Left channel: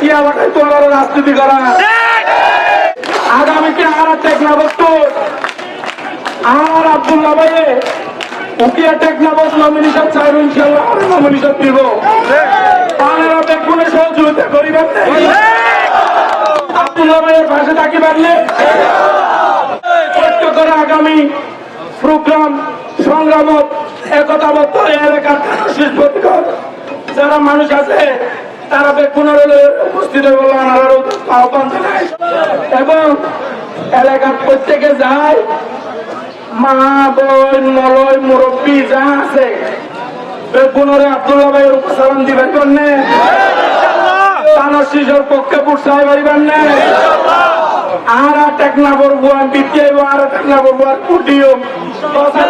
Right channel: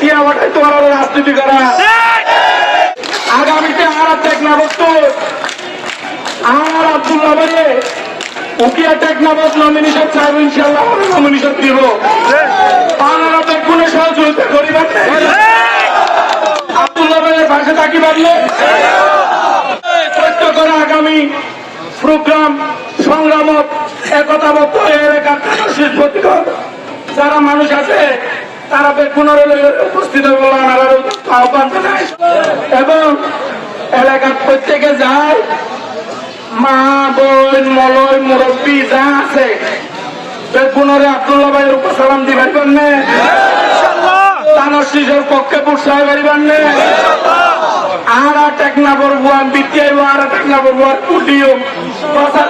কি আমাকে তোমার রাজনীতি করা। আগামীতে আর টেকনা বস্তু আর আব্দুল্লাহ ভাইয়ে উকিয়া টেকনাবাস নমিনেশন চাইব ইনশাল্লাহ নমিনেশন দিব। আপনারা বেগুনে সহযোগিতা করিবেন আব্দুল্লাহ ভাইয়ের পাশে থাকি পারলে করে আগামী প্রোগ্রাম, সংগ্রামত একতাবদ্ধ এলাকার শেষ যারা মানুষ আছে তারা বেগুনের উপস্থিত আহ্বান জানায় এবং এলাকার প্রত্যেকে যায়, মা, বোন, মলয়, মুরব্বী যা আছে বেগুনের আব্দুল্লাহ ভাইয়ের উপর সালাম দিবার জন্য তানোর শিশুর পক্ষে পুরসাহ করিবার নে আর টেকনা বলব আমি বিদ্যায় আর টেকনা আর কুটিও প্রচার